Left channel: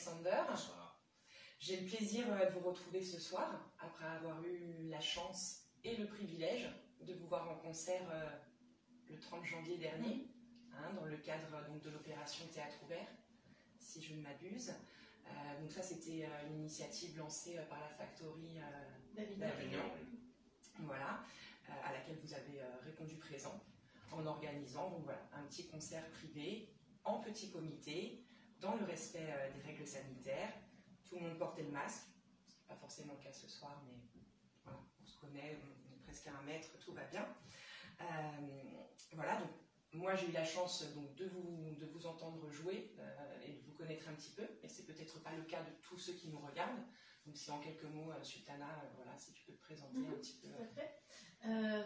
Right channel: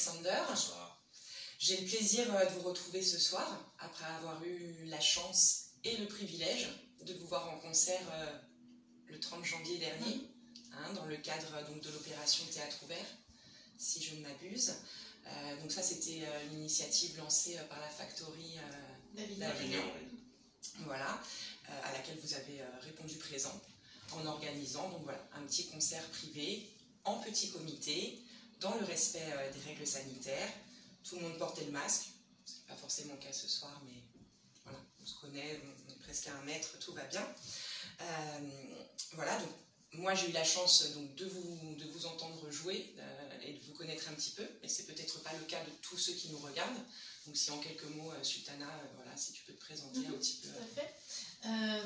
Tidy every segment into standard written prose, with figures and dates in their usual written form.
Alexander. Bonsoir. J'ai le plaisir de vous retrouver ce soir, après avoir eu la chance et le privilège de vous voir en concert le 30 janvier dernier, dans le cadre donc, de l'opération Théâtre Ouvert, si je ne m'abuse. Donc ça, c'était une initiative lancée par la Factory d'Avignon, voilà, à laquelle vous avez répondu présent, en organisant donc, voilà, un petit concert privé, en petit comité, dans le respect des règles sanitaires. Tout le monde portait le masque, c'est pas forcément le cas ce soir, mais voilà, on se connaît, on est presque à 1 mètre, tout va bien. Voilà, donc moi j'ai eu la chance donc, de vous entendre jouer et de vous connaître un petit peu, mais c'est peut-être pas le cas de tous ceux qui nous regardent. Donc si en quelques mots, Sultana, voilà, si tu peux te présenter un petit peu. Tout à fait.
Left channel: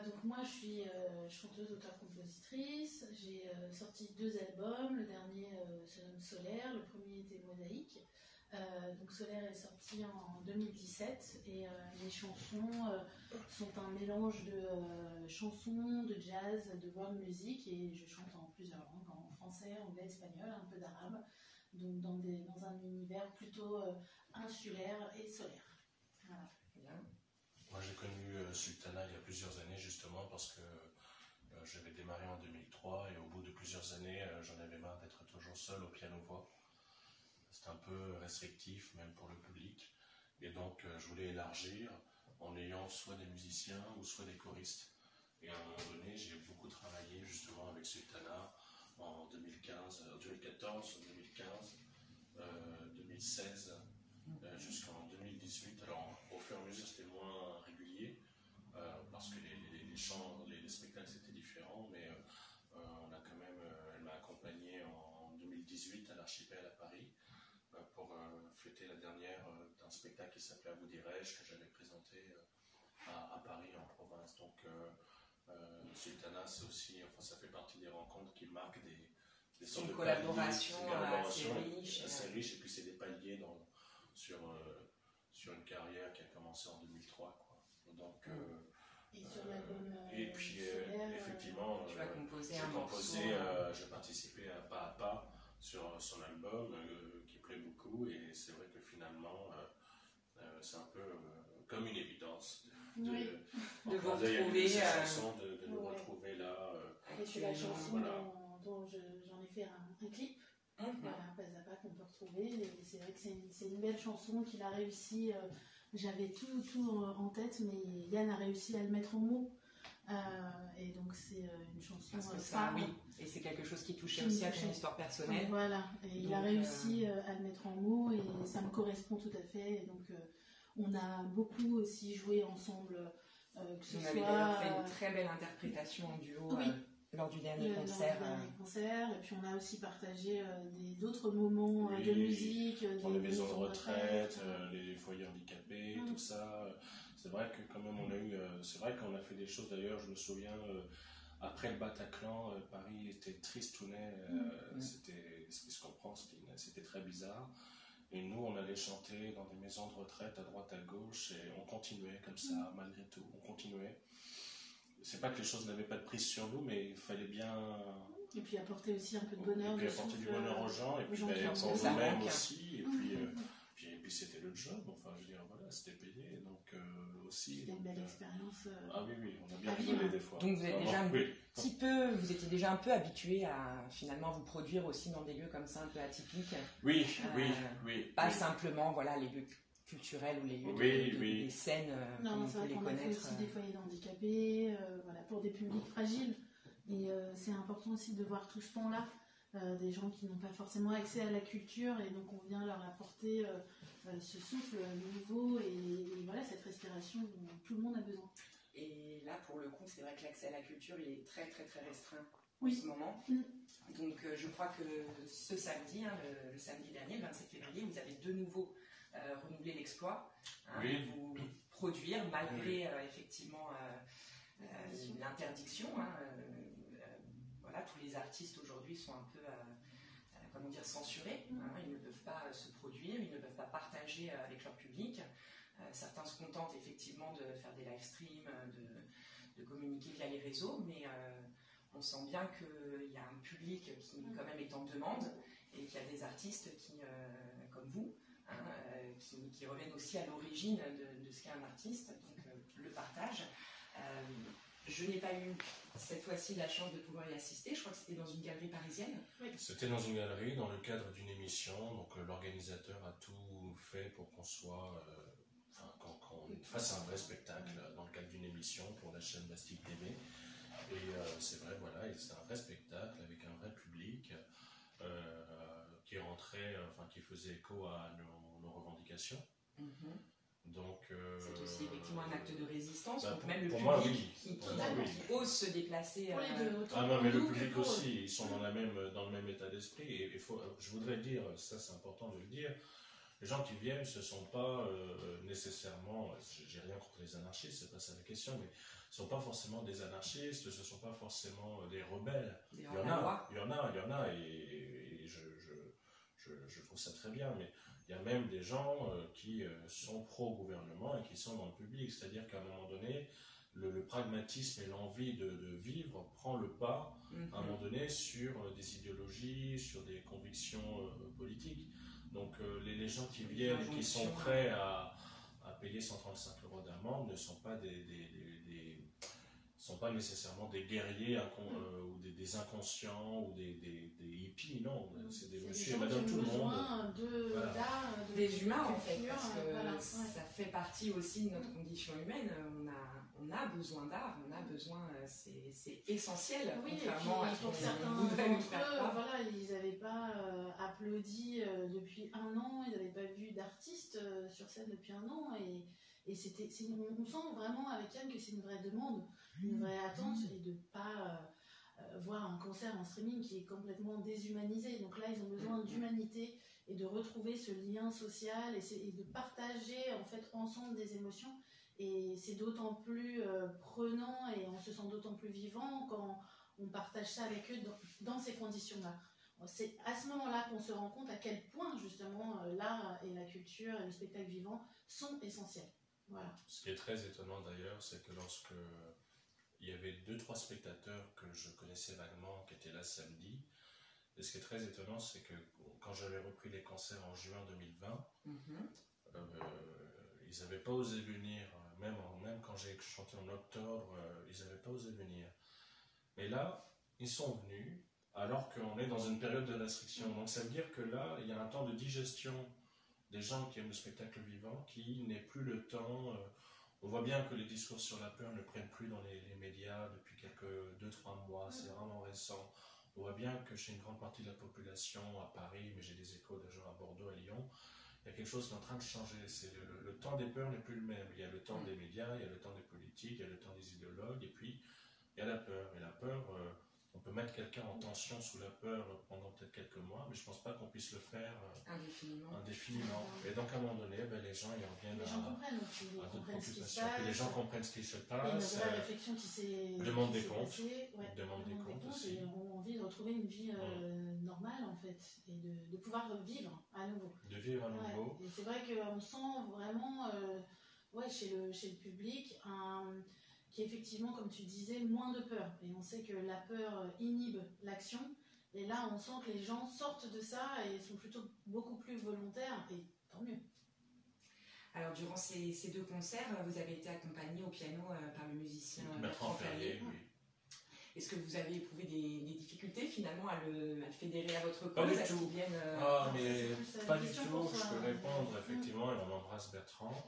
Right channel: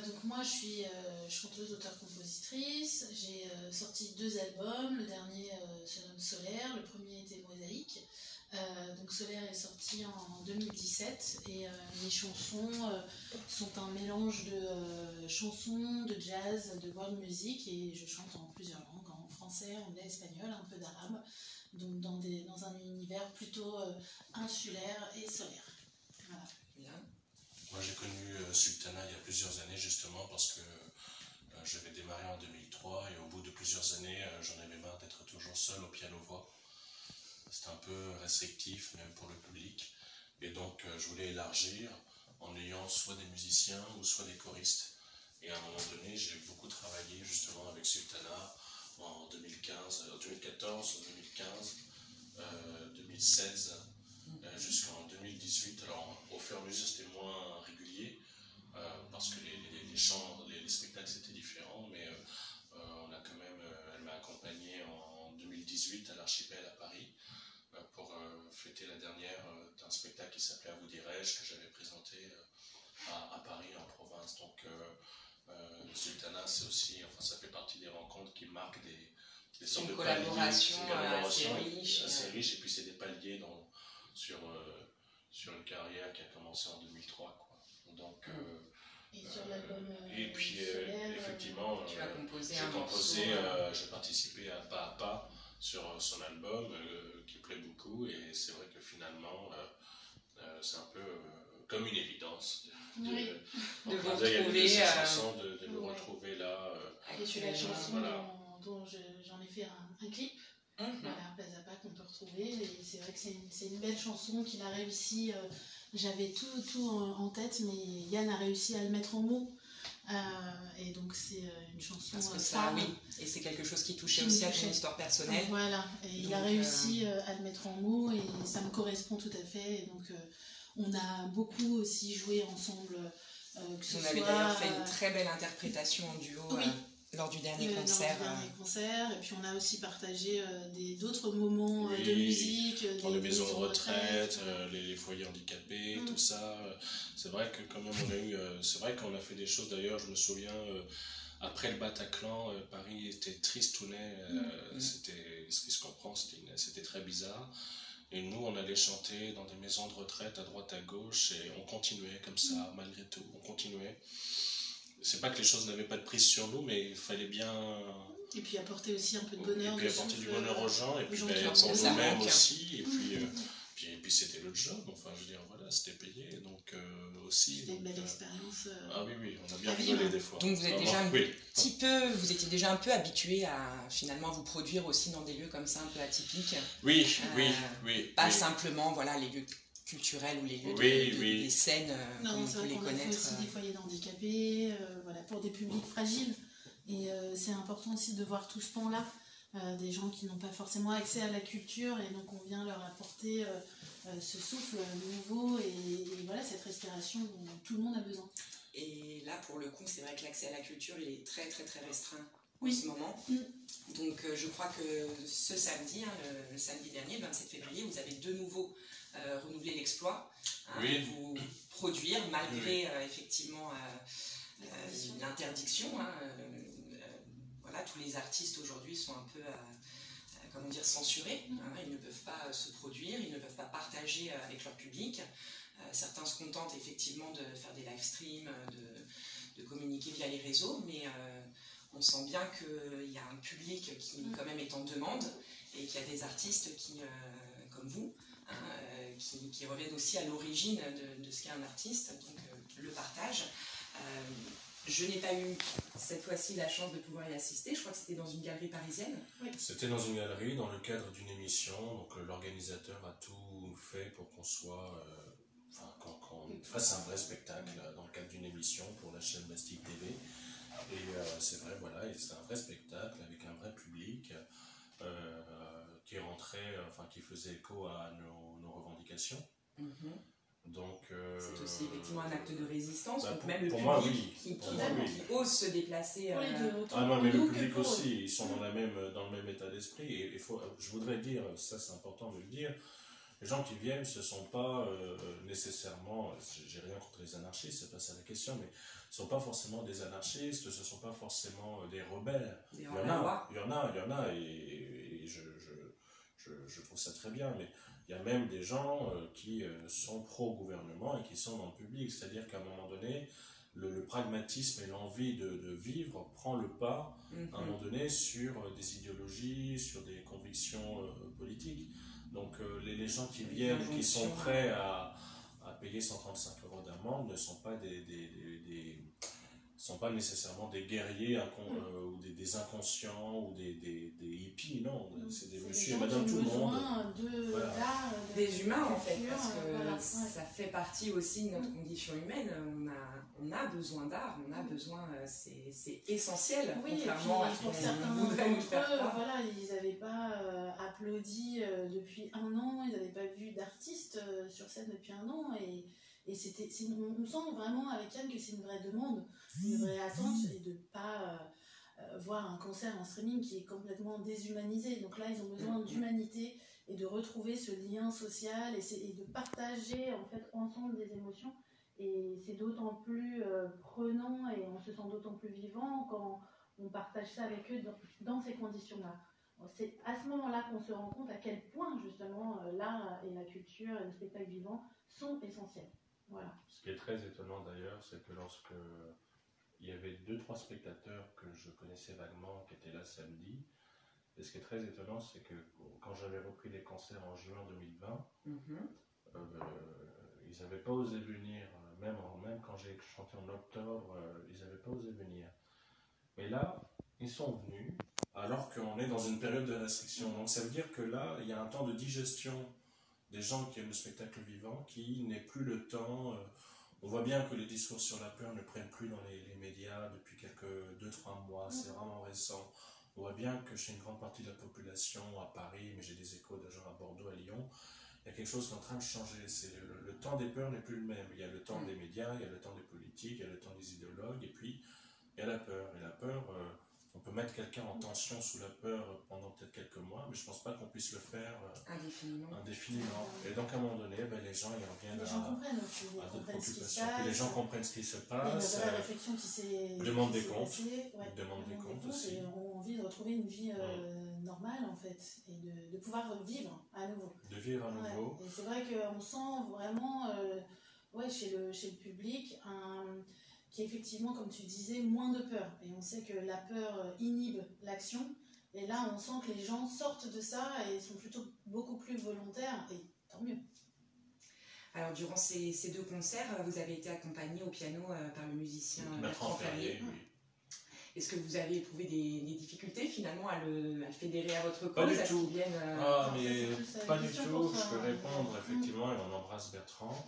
Donc moi je suis chanteuse, auteure-compositrice, j'ai sorti 2 albums, le dernier se nomme Solaire, le premier était Mosaïque. Donc Solaire est sorti en 2017 et les chansons sont un mélange de chansons, de jazz, de world music et je chante en plusieurs langues, en français, anglais, espagnol, un peu d'arabe, donc dans un univers plutôt insulaire et solaire. Voilà. Bien. Moi j'ai connu Sultana il y a plusieurs années justement parce que j'avais démarré en 2003 et au bout de plusieurs années j'en avais marre d'être toujours seul au piano-voix. C'était un peu restrictif même pour le public et donc je voulais élargir en ayant soit des musiciens ou soit des choristes. Et à un moment donné j'ai beaucoup travaillé justement avec Sultana en 2015, 2014, 2015, 2016 jusqu'en 2018. Alors au fur et à mesure c'était moins régulier parce que les spectacles c'était différent, mais on a quand même, elle m'a accompagné en 2018 à l'Archipel à Paris pour fêter la dernière d'un spectacle qui s'appelait À vous dirais-je, que j'avais présenté à Paris en province. Donc Sultana, c'est aussi, enfin ça fait partie des rencontres qui marquent des sortes de collaboration assez riche, et puis c'est des paliers sur une carrière qui a commencé en 2003 quoi. Donc Et sur l'album et puis Solaire, effectivement tu as composé j'ai participé à Pas sur son album qui plaît beaucoup, et c'est vrai que finalement c'est un peu comme une évidence de vous retrouver ces chansons, de nous retrouver là. Et c'est la chanson voilà. dont j'en ai fait un clip, voilà, Plaza Pas, qu'on peut retrouver, et c'est vrai que c'est une belle chanson qu'il a réussi, j'avais tout en tête, mais Yann a réussi à le mettre en mots, et donc c'est une chanson parce que ça, oui, et c'est quelque chose qui touchait aussi à ton histoire personnelle. Voilà, et il a réussi à le mettre en mots, et ça me correspond tout à fait, et donc on a beaucoup aussi joué ensemble. On avait d'ailleurs fait une très belle interprétation en duo lors du dernier concert. Et puis on a aussi partagé d'autres moments de musique. Dans les maisons de retraite, les foyers handicapés, tout ça. C'est vrai que quand même on a eu, c'est vrai qu'on a fait des choses, d'ailleurs je me souviens, après le Bataclan, Paris était tristounet, c'était, ce qui se comprend, c'était très bizarre. Et nous, on allait chanter dans des maisons de retraite à droite à gauche, et on continuait comme ça, malgré tout, on continuait. C'est pas que les choses n'avaient pas de prise sur nous, mais il fallait bien... Et puis apporter aussi un peu de bonheur. Et puis apporter du bonheur aux gens, et puis pour nous-mêmes nous-mêmes aussi, et puis c'était le job, enfin je veux dire, voilà, c'était payé, donc aussi... C'était une belle expérience. Ah oui, on a bien rigolé des fois. Donc vous êtes déjà vous étiez déjà un peu habitué à finalement vous produire aussi dans des lieux comme ça, un peu atypiques. Oui. Pas simplement, voilà, les lieux culturels ou les lieux des scènes non, comme on peut les connaître. On a fait aussi des foyers d'handicapés, voilà, pour des publics fragiles. Et c'est important aussi de voir tout ce pan-là, des gens qui n'ont pas forcément accès à la culture, et donc on vient leur apporter ce souffle nouveau et voilà, cette respiration dont tout le monde a besoin. Et là, pour le coup, c'est vrai que l'accès à la culture, il est très très très restreint en Oui. ce moment. Donc je crois que ce samedi, le samedi dernier, le 27 février, vous avez de nouveau renouvelé l'exploit de vous produire malgré effectivement l'interdiction. Voilà, tous les artistes aujourd'hui sont un peu comment dire, censurés. Ils ne peuvent pas se produire, ils ne peuvent pas partager avec leur public. Certains se contentent effectivement de faire des live streams, de communiquer via les réseaux, mais on sent bien qu'il y a un public qui quand même est en demande, et qu'il y a des artistes qui, comme vous, emmène aussi à l'origine de ce qu'est un artiste, donc le partage. Je n'ai pas eu cette fois-ci la chance de pouvoir y assister, je crois que c'était dans une galerie parisienne. Oui. C'était dans une galerie, dans le cadre d'une émission, donc l'organisateur a tout fait pour qu'on soit, qu'on fasse un vrai spectacle dans le cadre d'une émission pour la chaîne Bastille TV. Et c'est vrai, voilà, c'était un vrai spectacle avec un vrai public qui rentrait, qui faisait écho à nos revendications. Donc, c'est aussi effectivement un acte de résistance, donc même le pour public moi, oui. qui ose se déplacer. Pour les deux. Ah non, mais le public aussi, ils sont dans le même état d'esprit. Et je voudrais dire, ça c'est important de le dire, les gens qui viennent, ce ne sont pas nécessairement, j'ai rien contre les anarchistes, c'est pas ça la question, mais ce ne sont pas forcément des anarchistes, ce ne sont pas forcément des rebelles. Il y en a, et je trouve ça très bien, mais il y a même des gens qui sont pro-gouvernement et qui sont dans le public, c'est-à-dire qu'à un moment donné, le pragmatisme et l'envie de vivre prend le pas à un moment donné sur des idéologies, sur des convictions politiques. Donc les gens qui viennent et qui sont prêts à payer 135 € d'amende ne sont pas sont pas nécessairement des guerriers ou des inconscients ou des hippies, non, c'est des monsieur et madame tout le monde. Des humains en fait, parce que ça fait partie aussi de notre condition humaine. On a besoin d'art, on a besoin, c'est essentiel. Oui, contrairement à pour certains d'entre eux, voilà, ils n'avaient pas applaudi depuis 1 an, ils n'avaient pas vu d'artistes sur scène depuis 1 an, et on sent vraiment avec Yann que c'est une vraie demande, une vraie attente, et de ne pas voir un concert en streaming qui est complètement déshumanisé. Donc là, ils ont besoin d'humanité et de retrouver ce lien social et de partager en fait ensemble des émotions. Et c'est d'autant plus prenant et on se sent d'autant plus vivant quand on partage ça avec eux dans ces conditions-là. C'est à ce moment-là qu'on se rend compte à quel point justement l'art et la culture et le spectacle vivant sont essentiels. Voilà. Ce qui est très étonnant d'ailleurs, c'est que lorsque il y avait 2-3 spectateurs que je connaissais vaguement qui étaient là samedi, et ce qui est très étonnant, c'est que quand j'avais repris les concerts en juin 2020, ils n'avaient pas osé venir, même quand j'ai chanté en octobre, ils n'avaient pas osé venir. Mais là, ils sont venus, alors qu'on est dans une période de restriction. Donc ça veut dire que là, il y a un temps de digestion des gens qui aiment le spectacle vivant, qui n'est plus le temps. On voit bien que les discours sur la peur ne prennent plus dans les médias depuis quelques 2-3 mois, c'est vraiment récent. On voit bien que chez une grande partie de la population, à Paris, mais j'ai des échos de gens à Bordeaux, à Lyon, il y a quelque chose qui est en train de changer. Le temps des peurs n'est plus le même. Il y a le temps des médias, il y a le temps des politiques, il y a le temps des idéologues, et puis il y a la peur. Et la peur, on peut mettre quelqu'un en tension sous la peur pendant peut-être quelques mois, mais je ne pense pas qu'on puisse le faire indéfiniment. Et donc à un moment donné, les gens ils reviennent les gens comprennent aussi, ils comprennent ce qui se passe. Les gens comprennent ce qui se passe. Il y a une vraie réflexion qui s'est demande des comptes. Demande des comptes aussi. Et ont envie de retrouver une vie normale en fait, et de pouvoir vivre à nouveau. De vivre à nouveau. Et c'est vrai qu'on sent vraiment chez le public qui est effectivement, comme tu disais, moins de peur. Et on sait que la peur inhibe l'action. Et là, on sent que les gens sortent de ça et sont plutôt beaucoup plus volontaires, et tant mieux. Alors, durant ces 2 concerts, vous avez été accompagné au piano par le musicien Bertrand Ferrier. Oui. Est-ce que vous avez éprouvé des difficultés finalement à le fédérer à votre cause? Pas du tout. Pas du tout. Je peux répondre effectivement, et on embrasse Bertrand.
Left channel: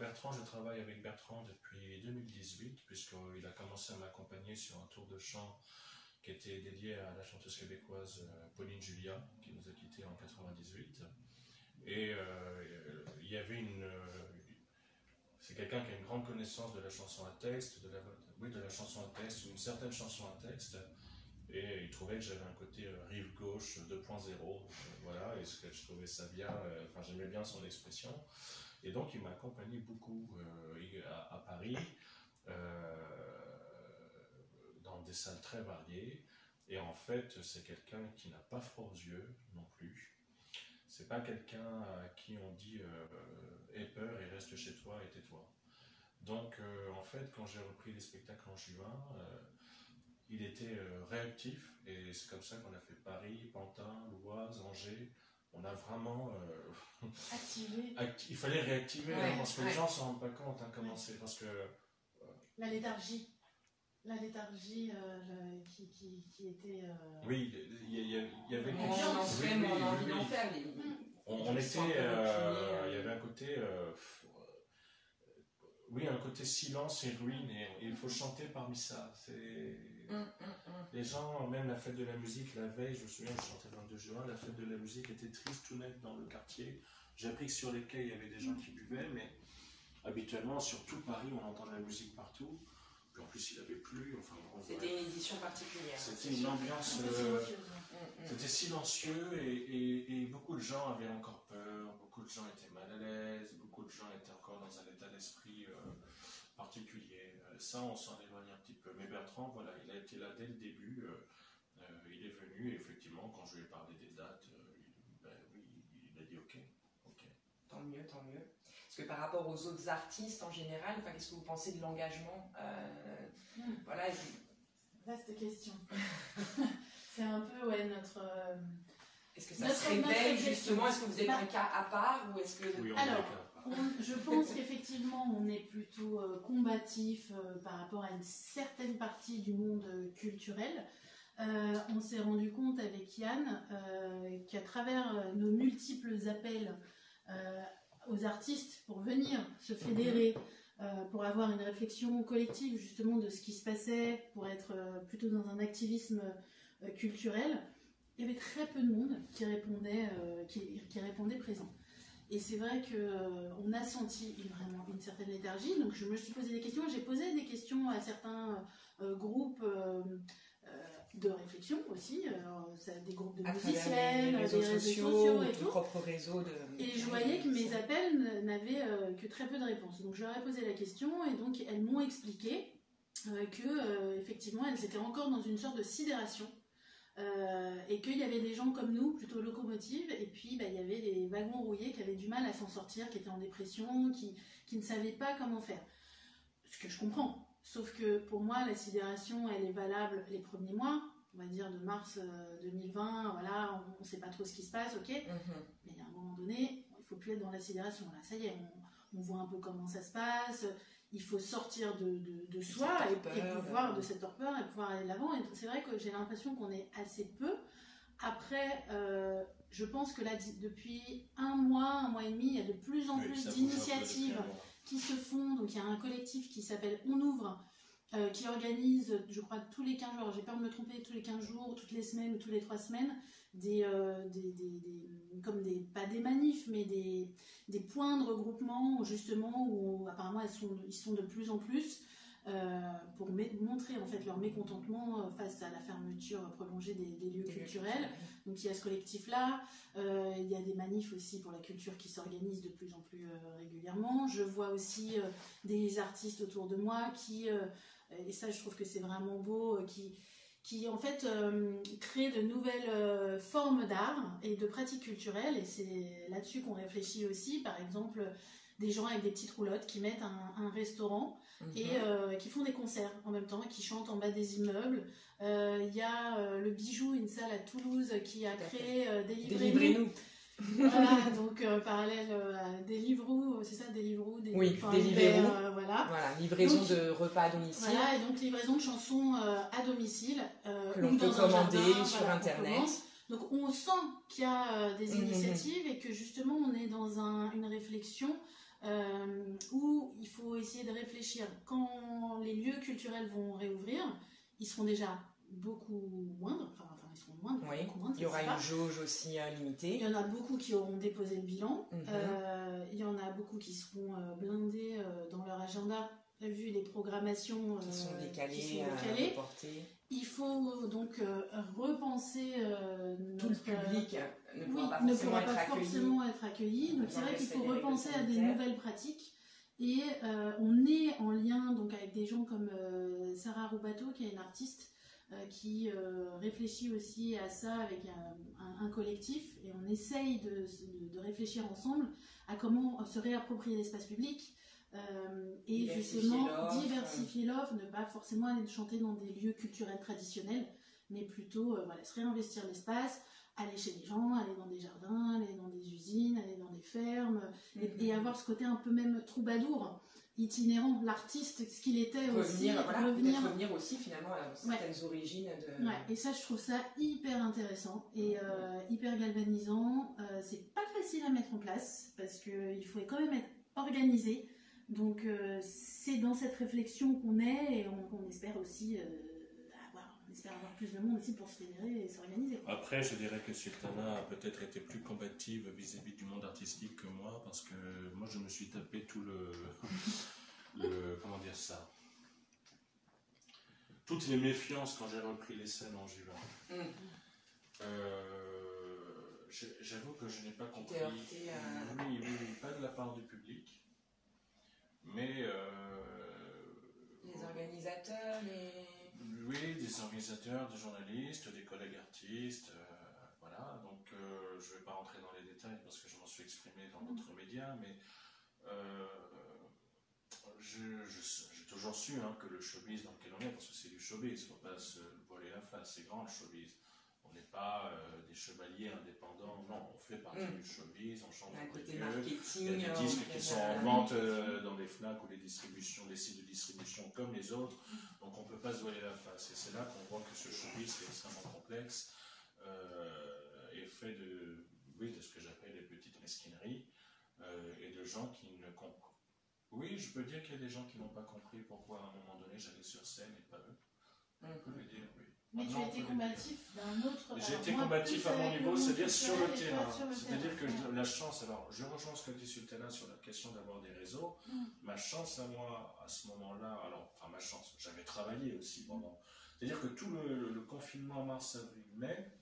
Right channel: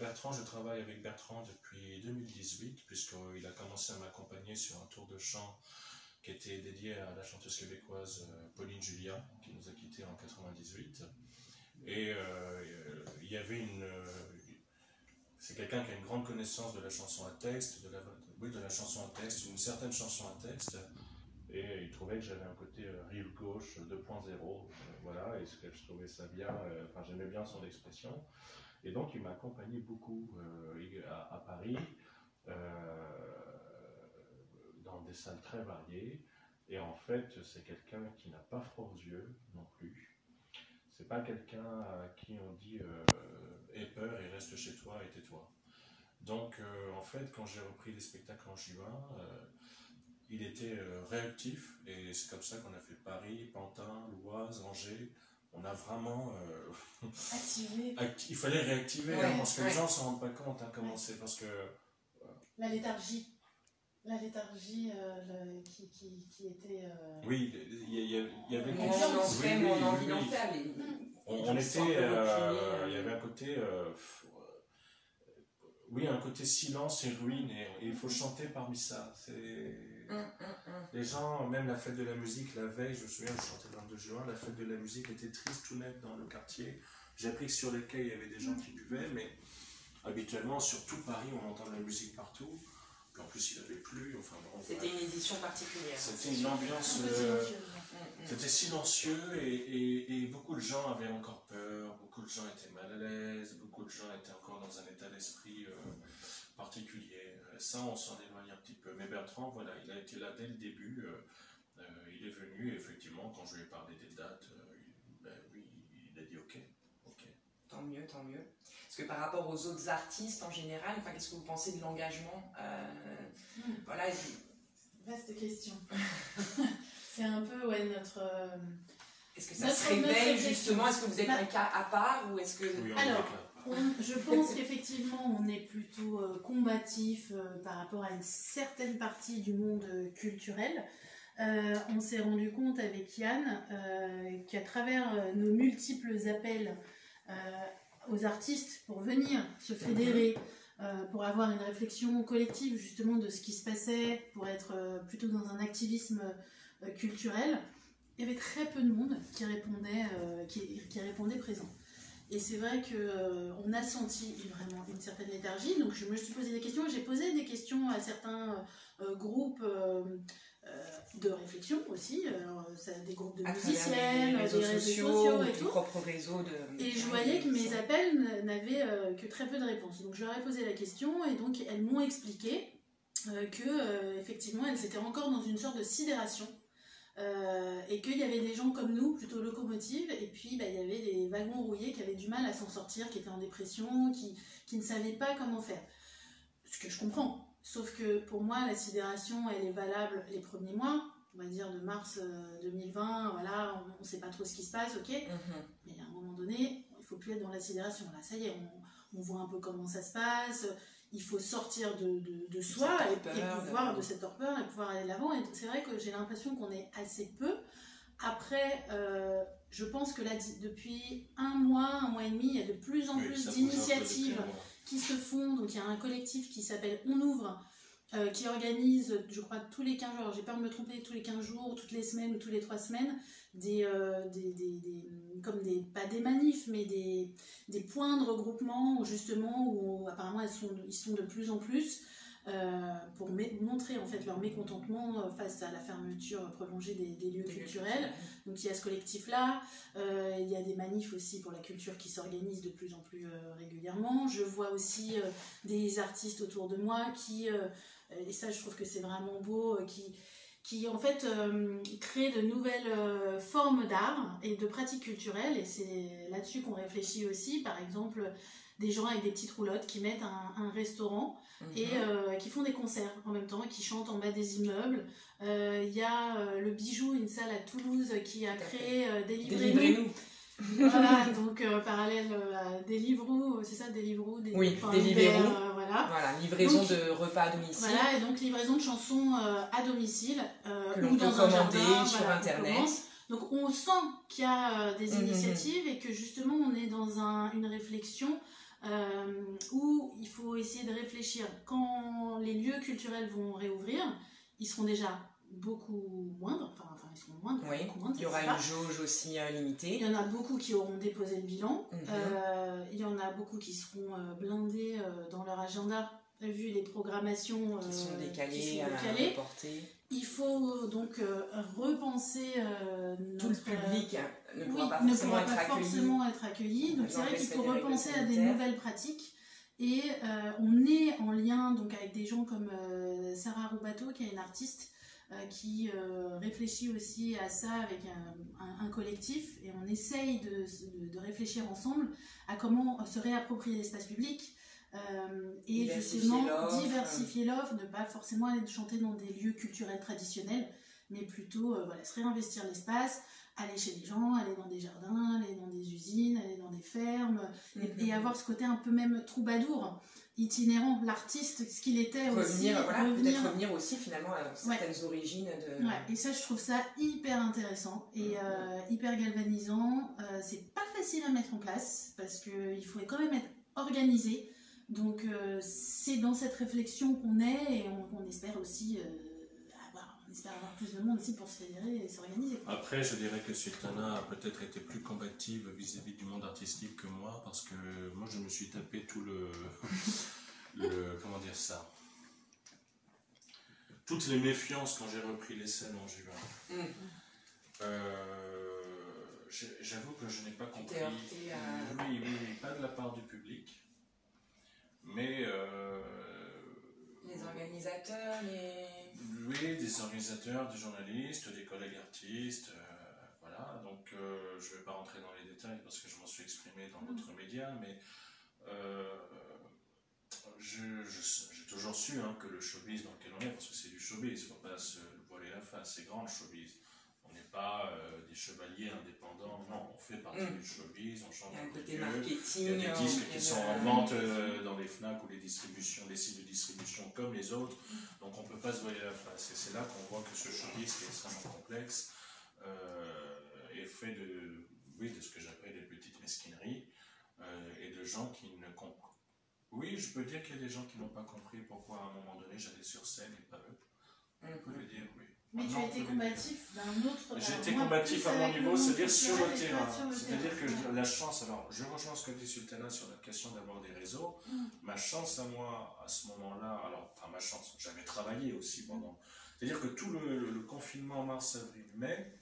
Bertrand, je travaille avec Bertrand depuis 2018, puisqu'il a commencé à m'accompagner sur un tour de chant qui était dédié à la chanteuse québécoise Pauline Julia, qui nous a quittés en 98. Et il y avait c'est quelqu'un qui a une grande connaissance de la chanson à texte, de la chanson à texte, une certaine chanson à texte, et il trouvait que j'avais un côté rive gauche 2.0, voilà, et je trouvais ça bien, j'aimais bien son expression, et donc il m'a accompagné beaucoup à Paris, dans des salles très variées, et en fait c'est quelqu'un qui n'a pas froid aux yeux non plus, c'est pas quelqu'un à qui on dit aie peur et reste chez toi et tais-toi. Donc, en fait, quand j'ai repris les spectacles en juin, il était réactif, et c'est comme ça qu'on a fait Paris, Pantin, l'Oise, Angers. On a vraiment Activer. Il fallait réactiver, Ouais, parce que ouais. les gens ne se rendent pas compte hein, comment c'est, parce que... La léthargie. La léthargie qui était... Oui, il y avait Moins quelque on en chose. fait, Oui, moins on a oui, envie oui, d'en oui. faire. On gens sont un était, peu reculés, il y avait un côté, oui, un côté silence et ruine, et il faut chanter parmi ça. Les gens, même la fête de la musique, la veille, je me souviens, je chantais le 22 juin, la fête de la musique était triste, tout net dans le quartier. J'ai appris que sur les quais, il y avait des gens qui buvaient, mais habituellement, sur tout Paris, on entend de la musique partout. Puis en plus, il avait plu. Enfin, c'était une édition particulière. C'était une ambiance. C'était silencieux et beaucoup de gens avaient encore peur, beaucoup de gens étaient mal à l'aise, beaucoup de gens étaient encore dans un état d'esprit particulier. Ça, on s'en éloigne un petit peu. Mais Bertrand, voilà, il a été là dès le début. Il est venu et effectivement, quand je lui ai parlé des dates, oui, il a dit OK. Tant mieux, tant mieux. Parce que par rapport aux autres artistes en général, qu'est-ce que vous pensez de l'engagement voilà, vaste question. C'est un peu notre... Est-ce que ça se révèle justement? Est-ce que vous êtes un cas à part ou est-ce que... Oui, alors, je pense qu'effectivement on est plutôt combatif par rapport à une certaine partie du monde culturel. On s'est rendu compte avec Yann qu'à travers nos multiples appels aux artistes pour venir se fédérer, pour avoir une réflexion collective justement de ce qui se passait, pour être plutôt dans un activisme culturel, il y avait très peu de monde qui répondait présent. Et c'est vrai qu'on a senti vraiment une certaine léthargie, donc je me suis posé des questions, j'ai posé des questions à certains groupes de réflexion aussi, des groupes de musiciens, des réseaux sociaux et tout. Propre réseau et je voyais que mes appels n'avaient que très peu de réponses. Donc je leur ai posé la question et donc elles m'ont expliqué que effectivement elles étaient encore dans une sorte de sidération. Et qu'il y avait des gens comme nous, plutôt locomotives, et puis il y avait des wagons rouillés qui avaient du mal à s'en sortir, qui étaient en dépression, qui ne savaient pas comment faire. Ce que je comprends, sauf que pour moi la sidération elle est valable les premiers mois, on va dire de mars 2020, voilà, on ne sait pas trop ce qui se passe, ok, mais à un moment donné, il ne faut plus être dans la sidération, là ça y est, on voit un peu comment ça se passe. Il faut sortir de soi et pouvoir, de cette torpeur et pouvoir aller de l'avant. Et c'est vrai que j'ai l'impression qu'on est assez peu. Après, je pense que là, depuis un mois et demi, il y a de plus en plus d'initiatives qui se font. Donc il y a un collectif qui s'appelle On Ouvre, qui organise, je crois, tous les 15 jours, alors j'ai peur de me tromper, tous les 15 jours, toutes les semaines ou tous les 3 semaines, pas des manifs, mais des points de regroupement justement où apparemment ils sont de plus en plus pour montrer en fait leur mécontentement face à la fermeture prolongée des lieux culturels. Donc il y a ce collectif là, il y a des manifs aussi pour la culture qui s'organisent de plus en plus régulièrement. Je vois aussi des artistes autour de moi qui et ça je trouve que c'est vraiment beau, qui en fait créent de nouvelles formes d'art et de pratiques culturelles, et c'est là-dessus qu'on réfléchit aussi. Par exemple, des gens avec des petites roulottes qui mettent un restaurant et qui font des concerts en même temps et qui chantent en bas des immeubles. Il y a le Bijou, une salle à Toulouse qui a créé Délivrez-nous. Voilà, donc parallèle à Deliveroo, c'est ça, Deliveroo, Deliveroo. Voilà, livraison donc, de repas à domicile. Voilà, et donc livraison de chansons à domicile que l'on peut commander sur internet. Donc on sent qu'il y a des initiatives et que justement on est dans une réflexion où il faut essayer de réfléchir. Quand les lieux culturels vont réouvrir, ils seront déjà beaucoup moindres, enfin ils seront moindres, beaucoup moindres. Il y aura une jauge aussi limitée. Il y en a beaucoup qui auront déposé le bilan. Il y en a beaucoup qui seront blindés dans leur agenda, vu les programmations qui sont décalées. Reportées. Il faut donc repenser tout le public ne pourra pas forcément être accueilli. Donc c'est vrai qu'il faut repenser à des nouvelles pratiques. Et on est en lien donc avec des gens comme Sarah Roubateau, qui est une artiste qui réfléchit aussi à ça avec un collectif, et on essaye de réfléchir ensemble à comment se réapproprier l'espace public et justement diversifier l'offre, ne pas forcément aller chanter dans des lieux culturels traditionnels, mais plutôt se réinvestir l'espace, aller chez les gens, aller dans des jardins, aller dans des usines, aller dans des fermes, avoir ce côté un peu même troubadour, itinérant, l'artiste, ce qu'il était aussi. Peut-être revenir aussi finalement à certaines origines de... Ouais, et ça, je trouve ça hyper intéressant et hyper galvanisant. C'est pas facile à mettre en place parce qu'il faut quand même être organisé. Donc, c'est dans cette réflexion qu'on est et on espère aussi avoir plus de monde aussi pour se fédérer et s'organiser. Après, je dirais que Sultana a peut-être été plus combative vis-à-vis du monde artistique que moi, parce que moi, je me suis tapé tout comment dire ça, toutes les méfiances quand j'ai repris les scènes en juin. J'avoue que je n'ai pas compris. Oui, pas de la part du public, mais les organisateurs, oui, des organisateurs, des journalistes, des collègues artistes, voilà. Donc, je ne vais pas rentrer dans les détails parce que je m'en suis exprimé dans d'autres médias, mais j'ai toujours su que le showbiz dans lequel on est, parce que c'est du showbiz, il ne faut pas se voiler la face, c'est grand le showbiz. On n'est pas des chevaliers indépendants, non, on fait partie du showbiz, on change de côté lieu. marketing. Il y a des disques qui sont en vente dans les FNAC ou les sites de distribution comme les autres, donc on ne peut pas se voiler la face. Et c'est là qu'on voit que ce showbiz qui est extrêmement complexe est fait de ce que j'appelle des petites mesquineries et de gens qui ne comprennent. Oui, je peux dire qu'il y a des gens qui n'ont pas compris pourquoi à un moment donné j'allais sur scène et pas eux. On peut le dire, oui. Mais tu as été combatif d'un autre... J'ai été combatif à mon niveau, c'est-à-dire sur le terrain. C'est-à-dire que la chance, alors je rejoins ce que dit Sultana sur la question d'avoir des réseaux. Ma chance à moi, à ce moment-là, ma chance, j'avais travaillé aussi pendant... C'est-à-dire que tout le confinement mars, avril, mai,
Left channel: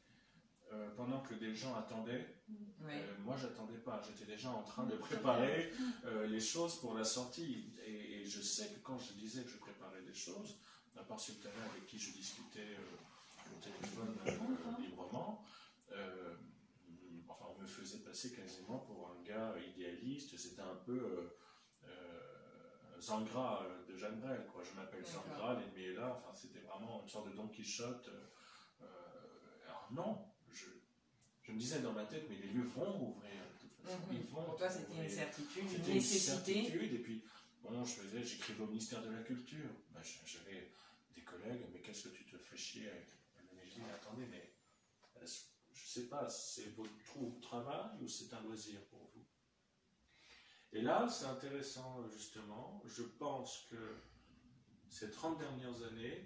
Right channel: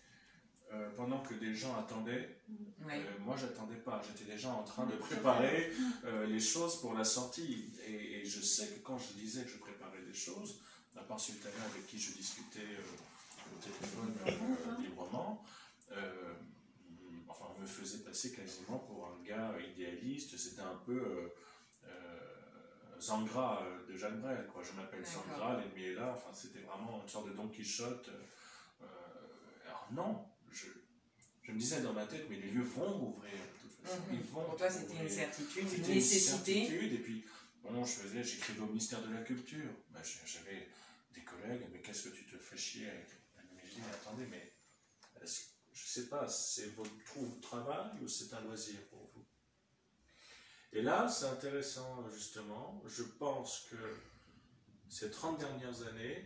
pendant que des gens attendaient, moi j'attendais pas, j'étais déjà en train de préparer les choses pour la sortie. Et je sais que quand je disais que je préparais des choses, à part Sultana avec qui je discutais au téléphone librement, on me faisait passer quasiment pour un gars idéaliste, c'était un peu Zangra de Jacques Brel, quoi. Je m'appelle Zangra, l'ennemi est là, c'était vraiment une sorte de Don Quichotte. Alors non, je me disais dans ma tête, mais les lieux vont ouvrir, de toute façon. Ils vont. Pour toi, c'était une certitude, une nécessité. Et puis, j'écrivais au ministère de la Culture. J'avais des collègues, mais qu'est-ce que tu te fais chier avec? Mais je dis, attendez, mais je sais pas, c'est votre travail ou c'est un loisir pour vous? Et là, c'est intéressant, justement. Je pense que ces 30 dernières années,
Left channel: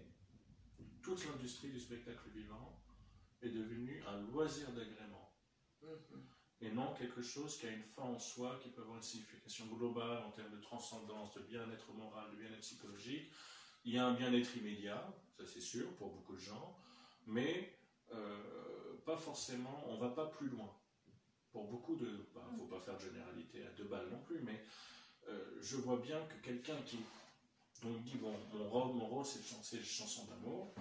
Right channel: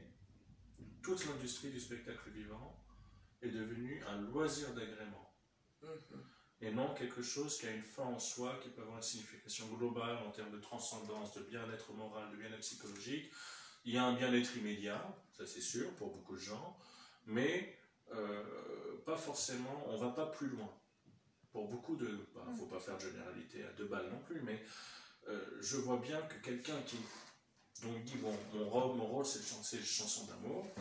toute l'industrie du spectacle vivant est devenue un loisir d'agrément. Et non quelque chose qui a une fin en soi, qui peut avoir une signification globale en termes de transcendance, de bien-être moral, de bien-être psychologique. Il y a un bien-être immédiat, ça c'est sûr, pour beaucoup de gens, mais pas forcément, on ne va pas plus loin. Pour beaucoup de... Il ne faut pas faire de généralité à 2 balles non plus, mais je vois bien que quelqu'un qui donc dit, bon, mon rôle c'est de chanter les chansons d'amour,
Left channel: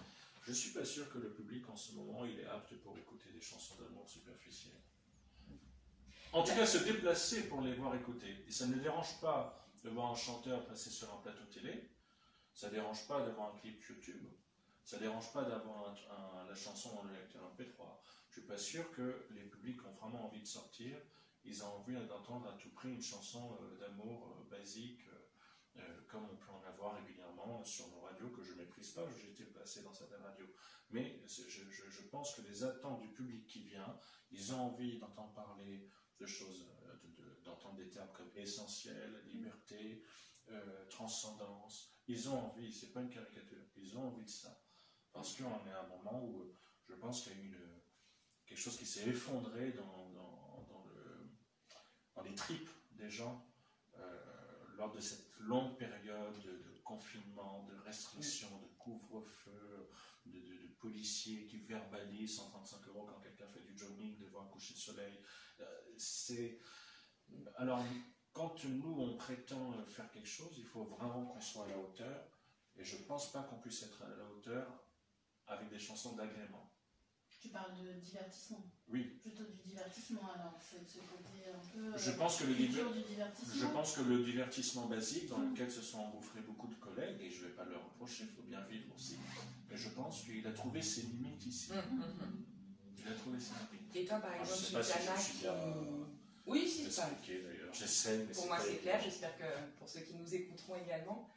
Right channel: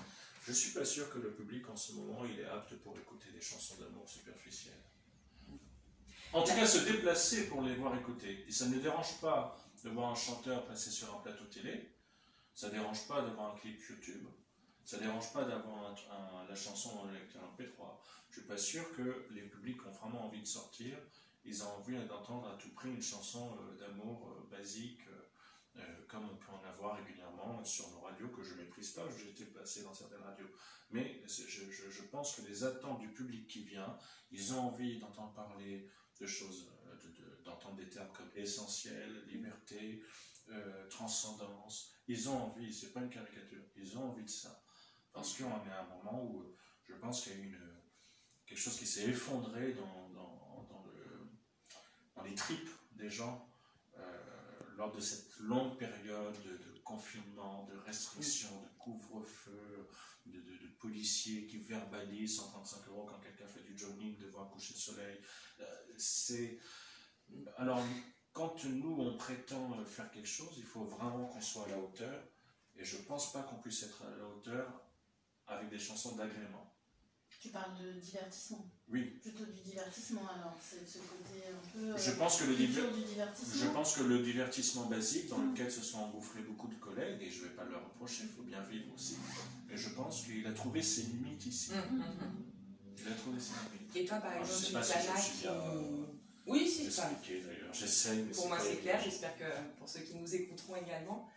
je ne suis pas sûr que le public en ce moment, il est apte pour écouter des chansons d'amour superficielles. En tout cas, se déplacer pour les voir écouter. Et ça ne dérange pas de voir un chanteur passer sur un plateau télé, ça ne dérange pas de voir un clip YouTube, ça ne dérange pas d'avoir la chanson dans le lecteur MP3. Je ne suis pas sûr que les publics ont vraiment envie de sortir, ils ont envie d'entendre à tout prix une chanson d'amour basique, comme on peut en avoir régulièrement sur nos radios, que je ne méprise pas, j'ai été placé dans certaines radios. Mais je pense que les attentes du public qui vient, ils ont envie d'entendre parler de choses, d'entendre des termes comme essentiel, liberté, transcendance. Ils ont envie, c'est pas une caricature, ils ont envie de ça. Parce qu'on est à un moment où je pense qu'il y a eu quelque chose qui s'est effondré dans les tripes des gens lors de cette longue période de confinement, de restrictions, de couvre-feu, de policiers qui verbalisent 135 € quand quelqu'un fait du jogging devant un coucher de soleil. Alors, quand nous, on prétend faire quelque chose, il faut vraiment qu'on soit à la hauteur. Et je ne pense pas qu'on puisse être à la hauteur avec des chansons d'agrément. Tu parles de divertissement? Oui. Plutôt du divertissement, alors. C'est ce côté un peu... Je pense que le divertissement basique, dans lequel se sont engouffrés beaucoup de collègues, et je ne vais pas leur reprocher, il faut bien vivre aussi, mais je pense qu'il a trouvé ses limites ici. Il a trouvé ses limites. Et toi, par exemple, je ne sais pas si je suis bien oui, c'est ça. expliqué d'ailleurs. J'essaye. Pour moi, c'est clair. J'espère que pour ceux qui nous écouteront également.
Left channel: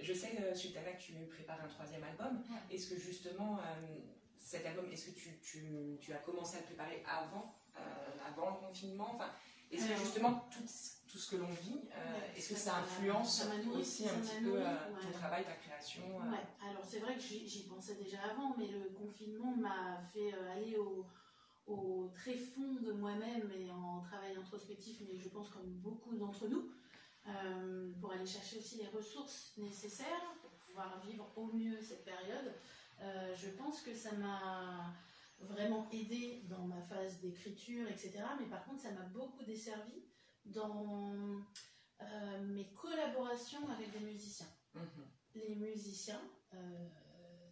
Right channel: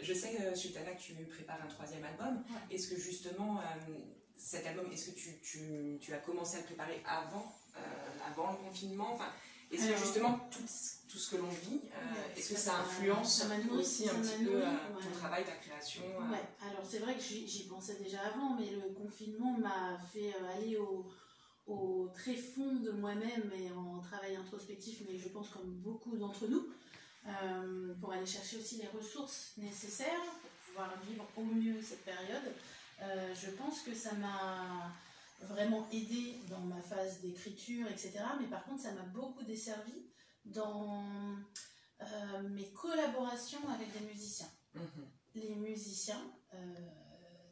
Je sais, Sultana, que tu prépares un 3e album. Ouais. Est-ce que justement, cet album, est-ce que tu as commencé à le préparer avant le confinement? Enfin, est-ce que justement, tout ce que l'on vit, est-ce que ça influence aussi un petit peu ton travail, ta création Ouais, alors c'est vrai que j'y pensais déjà avant, mais le confinement m'a fait aller au très fond de moi-même et en travail introspectif, mais je pense comme beaucoup d'entre nous, pour aller chercher aussi les ressources nécessaires pour pouvoir vivre au mieux cette période. Je pense que ça m'a vraiment aidé dans ma phase d'écriture, etc. Mais par contre, ça m'a beaucoup desservi dans mes collaborations avec des musiciens. Les musiciens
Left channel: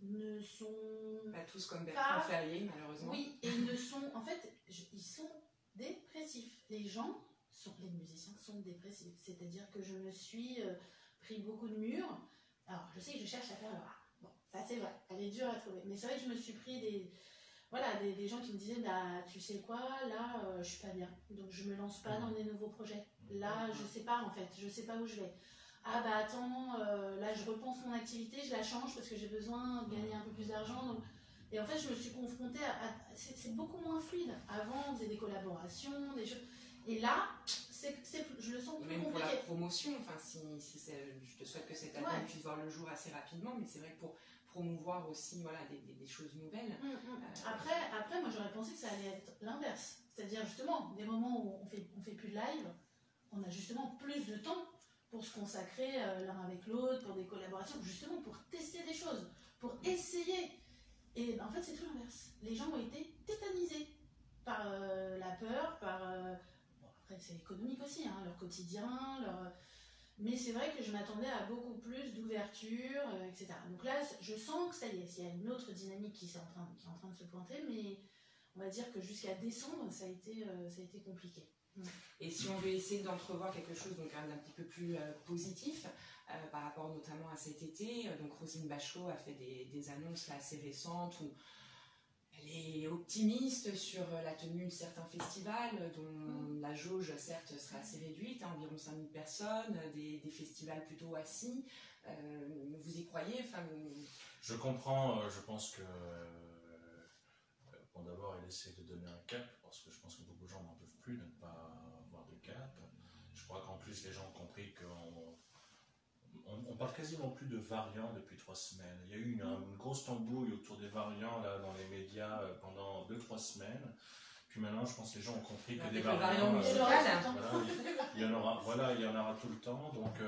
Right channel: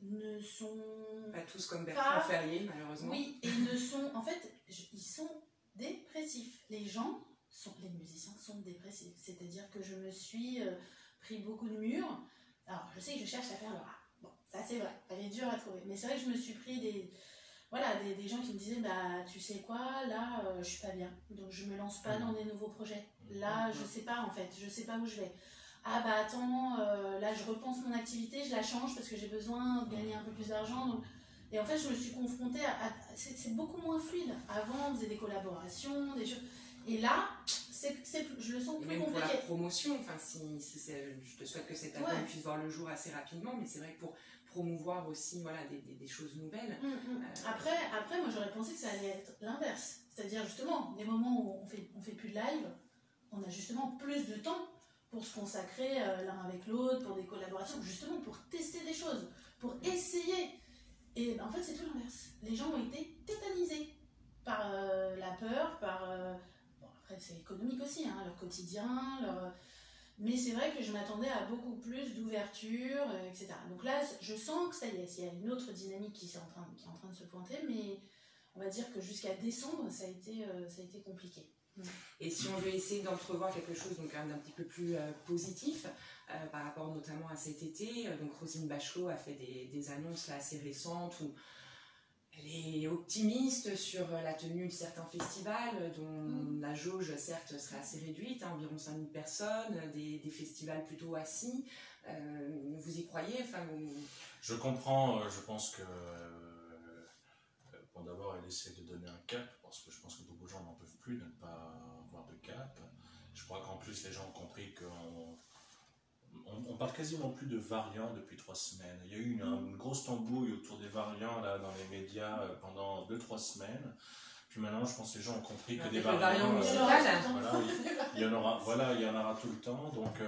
ne sont pas tous comme Bertrand Ferrier, malheureusement. Oui, et ne sont, en fait, ils sont dépressifs. Les musiciens sont dépressifs. C'est-à-dire que je me suis pris beaucoup de murs. Alors, je sais que je cherche à faire le rap. Bon, ça c'est vrai, elle est dure à trouver. Mais c'est vrai que je me suis pris des gens qui me disaient, bah, tu sais quoi, là, je suis pas bien. Donc, je me lance pas dans des nouveaux projets. Là, je sais pas, en fait. Je sais pas où je vais. Ah bah attends, là je repense mon activité, je la change parce que j'ai besoin de gagner un peu plus d'argent. Donc... Et en fait, je me suis confrontée c'est beaucoup moins fluide. Avant, on faisait des collaborations, des choses. Et là, je le sens plus même compliqué. Pour la promotion, enfin, je te souhaite que cet album puisse voir le jour assez rapidement, mais c'est vrai que pour promouvoir aussi voilà, des choses nouvelles. Après, moi j'aurais pensé que ça allait être l'inverse. C'est-à-dire justement, des moments où on fait plus de live, on a justement plus de temps pour se consacrer l'un avec l'autre, pour des collaborations, justement pour tester des choses, pour essayer. Et en fait, c'est tout l'inverse. Les gens ont été tétanisés par la peur, bon, après, c'est économique aussi, hein, leur quotidien, mais c'est vrai que je m'attendais à beaucoup plus d'ouverture, etc. Donc là, je sens que ça y est, il y a une autre dynamique qui est en train de se pointer, mais on va dire que jusqu'à décembre, ça a été compliqué. Et si on veut essayer d'entrevoir quelque chose donc d'un petit peu plus positif par rapport notamment à cet été, donc Roselyne Bachelot a fait des annonces là, assez récentes où elle est optimiste sur la tenue de certains festivals dont la jauge certes serait assez réduite, hein, environ 5000 personnes, des festivals plutôt assis. Vous y croyez enfin, Je comprends, je pense que bon, d'abord elle essaie de donner un cap parce que je pense que beaucoup de gens n'en peuvent plus de ne pas avoir de cap. Je crois qu'en plus les gens ont compris qu'on parle quasiment plus de variants depuis 3 semaines. Il y a eu une grosse tambouille autour des variants là, dans les médias pendant 2-3 semaines. Puis maintenant, je pense que les gens ont compris que des variants il y en aura tout le temps. Donc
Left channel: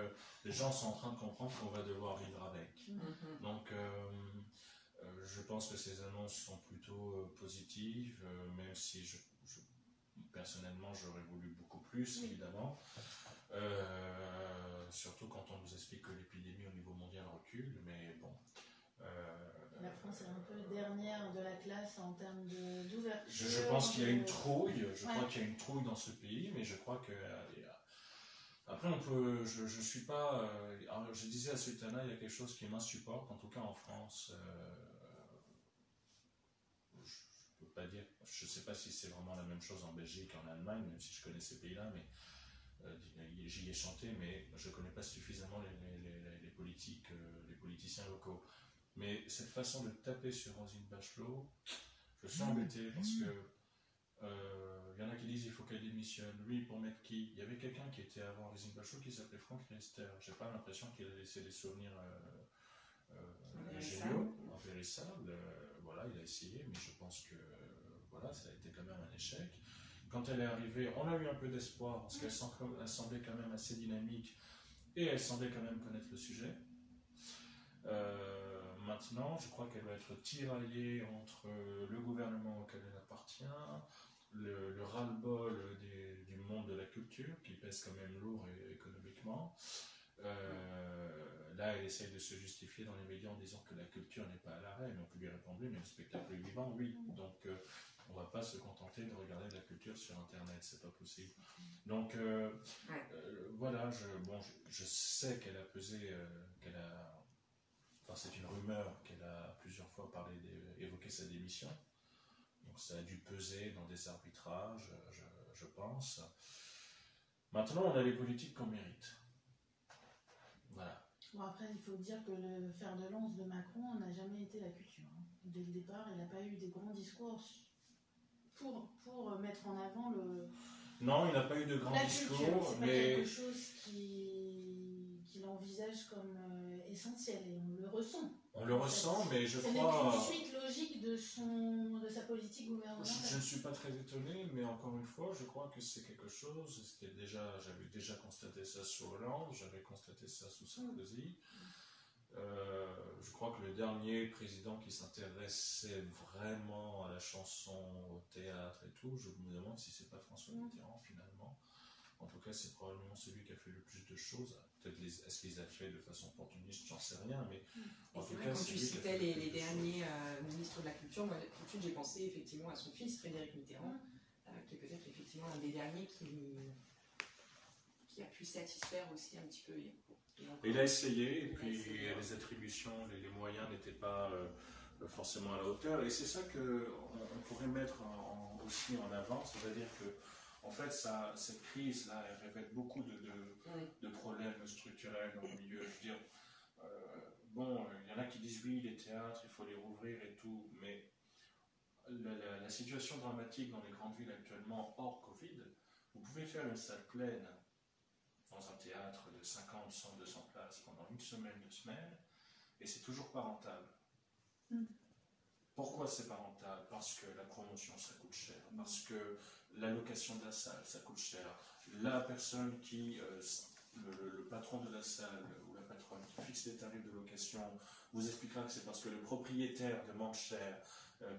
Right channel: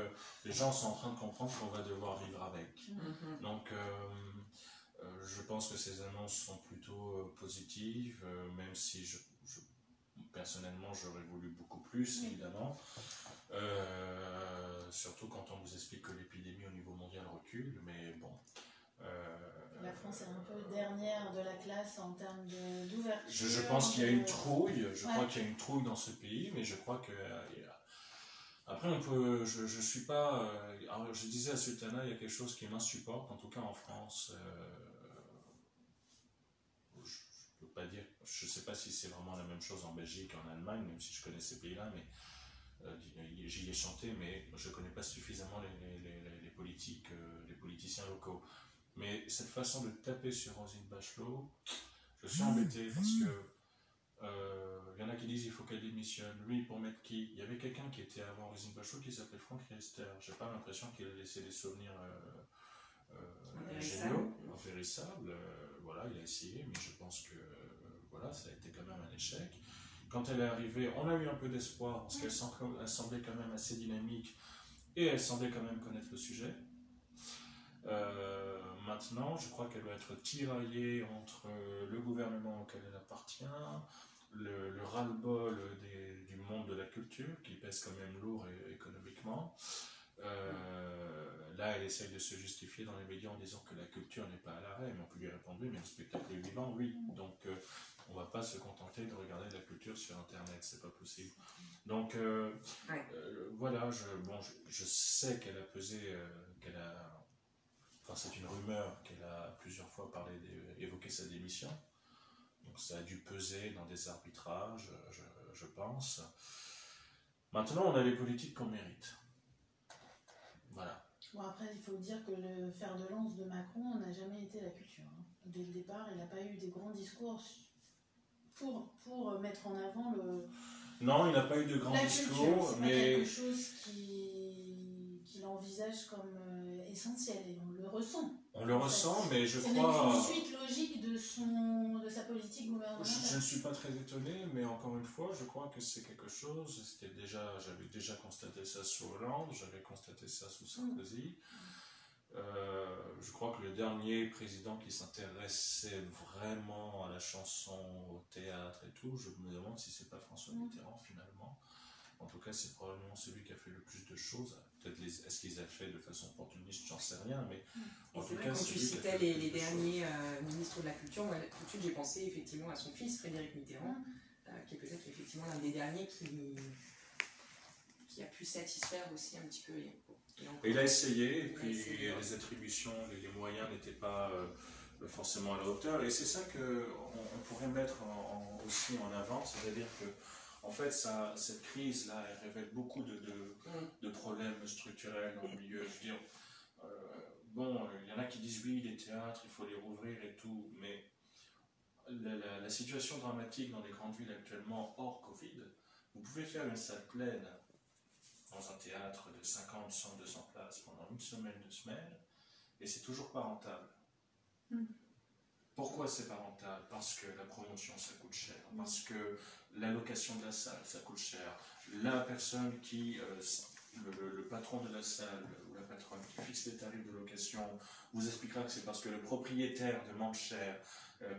les gens sont en train de comprendre qu'on va devoir vivre avec. Donc je pense que ces annonces sont plutôt positives, même si personnellement j'aurais voulu beaucoup plus, évidemment. Surtout quand on vous explique que l'épidémie au niveau mondial recule, mais bon. La France est un peu dernière de la classe en termes d'ouverture. Je pense qu'il y a une trouille, je crois qu'il y a une trouille dans ce pays, mais je crois que... Après, je suis pas... alors, je disais à Sultana, il y a quelque chose qui m'insupporte, en tout cas en France. Je peux pas dire... Je sais pas si c'est vraiment la même chose en Belgique, en Allemagne, même si je connais ces pays-là, mais... j'y ai chanté, mais je ne connais pas suffisamment les politiciens locaux. Mais cette façon de taper sur Roselyne Bachelot, je suis embêté parce que y en a qui disent qu'il faut qu'elle démissionne. Lui, pour mettre qui? Il y avait quelqu'un qui était avant Roselyne Bachelot qui s'appelait Franck Riester. Je n'ai pas l'impression qu'il a laissé des souvenirs géniaux, impérissables. Voilà, il a essayé, mais je pense que voilà, ça a été quand même un échec. Quand elle est arrivée, on a eu un peu d'espoir parce qu'elle semblait quand même assez dynamique et elle semblait quand même connaître le sujet. Maintenant, je crois qu'elle doit être tiraillée entre le gouvernement auquel elle appartient, le ras-le-bol du monde de la culture qui pèse quand même lourd économiquement. Là, elle essaye de se justifier dans les médias en disant que la culture n'est pas à l'arrêt, mais on peut lui répondre oui, mais le spectacle est vivant, oui. Donc, on ne va pas se contenter de regarder de la culture sur Internet, c'est pas possible. Donc, voilà, je sais qu'elle a pesé, enfin, c'est une rumeur qu'elle a plusieurs fois évoqué sa démission. Donc, ça a dû peser dans des arbitrages, je pense. Maintenant, on a les politiques qu'on mérite. Voilà. Bon, après, il faut dire que le fer de lance de Macron n'a jamais été la culture. Hein. Dès le départ, il n'a pas eu des grands discours pour mettre en avant Non, il n'a pas eu de grands discours, c'est mais... pas quelque chose qu'il envisage comme essentiel, et on le ressent. On le ressent, mais je crois... C'est une suite logique de sa politique gouvernementale. Je ne suis pas très étonné, mais encore une fois, je crois que c'est quelque chose, j'avais déjà constaté ça sous Hollande, j'avais constaté ça sous Sarkozy. Je crois que le dernier président qui s'intéressait vraiment à la chanson, au théâtre et tout, je me demande si c'est pas François Mitterrand finalement. En tout cas, c'est probablement celui qui a fait le plus de choses. Peut-être est-ce qu'ils a fait de façon opportuniste, j'en sais rien, mais en tout cas, quand tu citais les derniers ministres de la culture, moi tout de suite j'ai pensé effectivement à son fils Frédéric Mitterrand, qui est peut-être effectivement l'un des derniers qui a pu satisfaire aussi un petit peu. Et il a essayé, et puis les attributions, les moyens n'étaient pas forcément à la hauteur. Et c'est ça qu'on pourrait mettre aussi en avant, c'est-à-dire que en fait, cette crise-là, elle révèle beaucoup de problèmes structurels dans le milieu. Je veux dire, il y en a qui disent oui, les théâtres, il faut les rouvrir et tout, mais la situation dramatique dans les grandes villes actuellement, hors Covid, vous pouvez faire une salle pleine dans un théâtre de 50, 100, 200 places pendant une semaine, 2 semaines, et c'est toujours pas rentable. Pourquoi c'est pas rentable? Parce que la promotion, ça coûte cher, parce que la location de la salle, ça coûte cher. La personne qui, le patron de la salle ou la patronne qui fixe les tarifs de location vous expliquera que c'est parce que le propriétaire demande cher,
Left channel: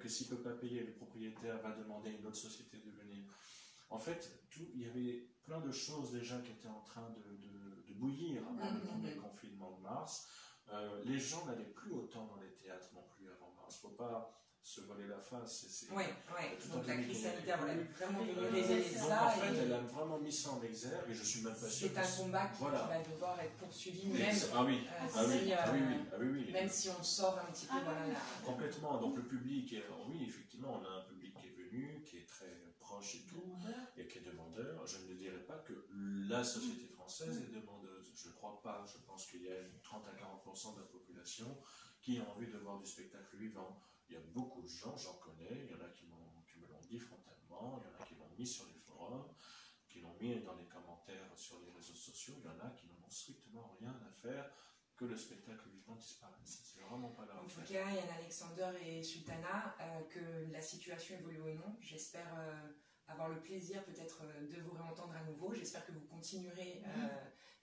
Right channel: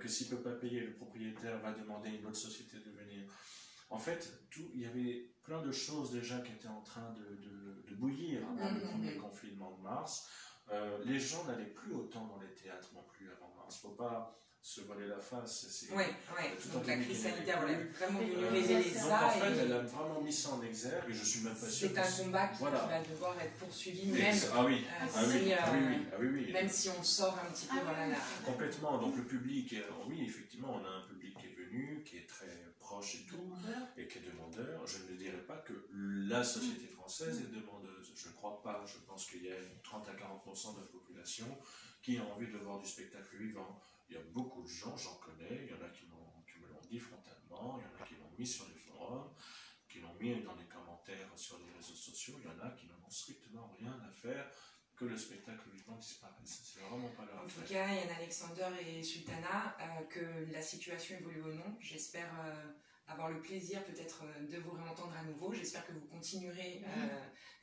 que s'il ne peut pas payer, le propriétaire va demander à une autre société de venir. En fait, il y avait plein de choses déjà qui étaient en train de bouillir avant le premier confinement de mars. Les gens n'allaient plus autant dans les théâtres non plus avant mars. Il ne faut pas se voiler la face. Donc la crise sanitaire, elle est vraiment venue révéler ça. En fait, elle a vraiment mis ça en exergue et je suis même pas sûr. C'est un combat qui va devoir être poursuivi, même si on sort un petit peu. Complètement. Donc le public, oui, effectivement, on a un public qui est venu, qui est très proche et tout, et qui est demandeur. Je ne dirais pas que la société française est demandeuse. Je ne crois pas. Je pense qu'il y a 30 à 40% de la population qui a envie de voir du spectacle vivant. Il y a beaucoup de gens, j'en connais, il y en a qui me l'ont dit frontalement, il y en a qui l'ont mis sur les forums, qui l'ont mis dans les commentaires sur les réseaux sociaux, il y en a qui n'en ont strictement rien à faire que le spectacle vivant disparaisse. C'est vraiment pas leur affaire. En tout cas, Yann Alexander et Sultana, que la situation évolue ou non, j'espère avoir le plaisir peut-être de vous réentendre à nouveau. J'espère que vous continuerez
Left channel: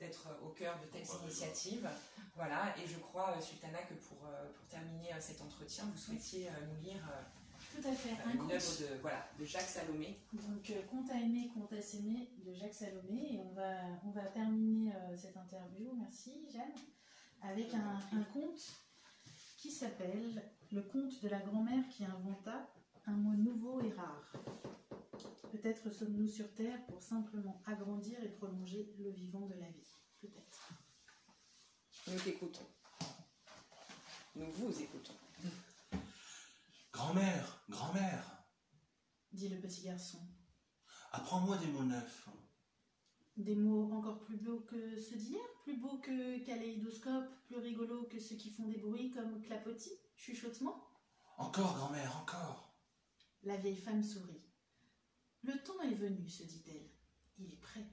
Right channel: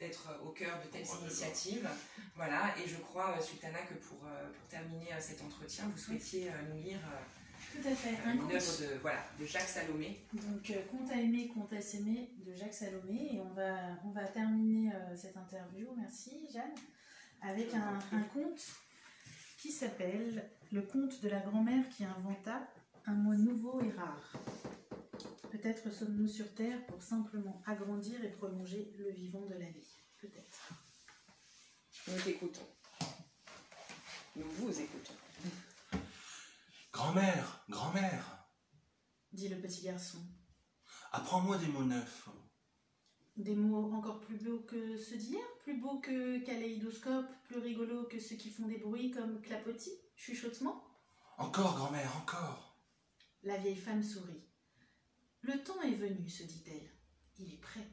d'être au cœur de telles initiatives. Voilà, et je crois, Sultana, que pour terminer cet entretien, vous souhaitiez nous lire tout à fait. une œuvre de Jacques Salomé. Donc, Conte à aimer, conte à s'aimer de Jacques Salomé. Et on va terminer cette interview, merci Jeanne, avec un conte qui s'appelle Le conte de la grand-mère qui inventa un mot nouveau et rare. Peut-être sommes-nous sur Terre pour simplement agrandir et prolonger le vivant de la vie. Peut-être. Nous t'écoutons. Nous vous écoutons. Grand-mère, grand-mère, dit le petit garçon. Apprends-moi des mots neufs. Des mots encore plus beaux que ceux d'hier, plus beaux que kaléidoscope, plus rigolos que ceux qui font des bruits comme clapotis, chuchotement. Encore, grand-mère, encore. La vieille femme sourit. Le temps est venu, se dit-elle. Il est prêt.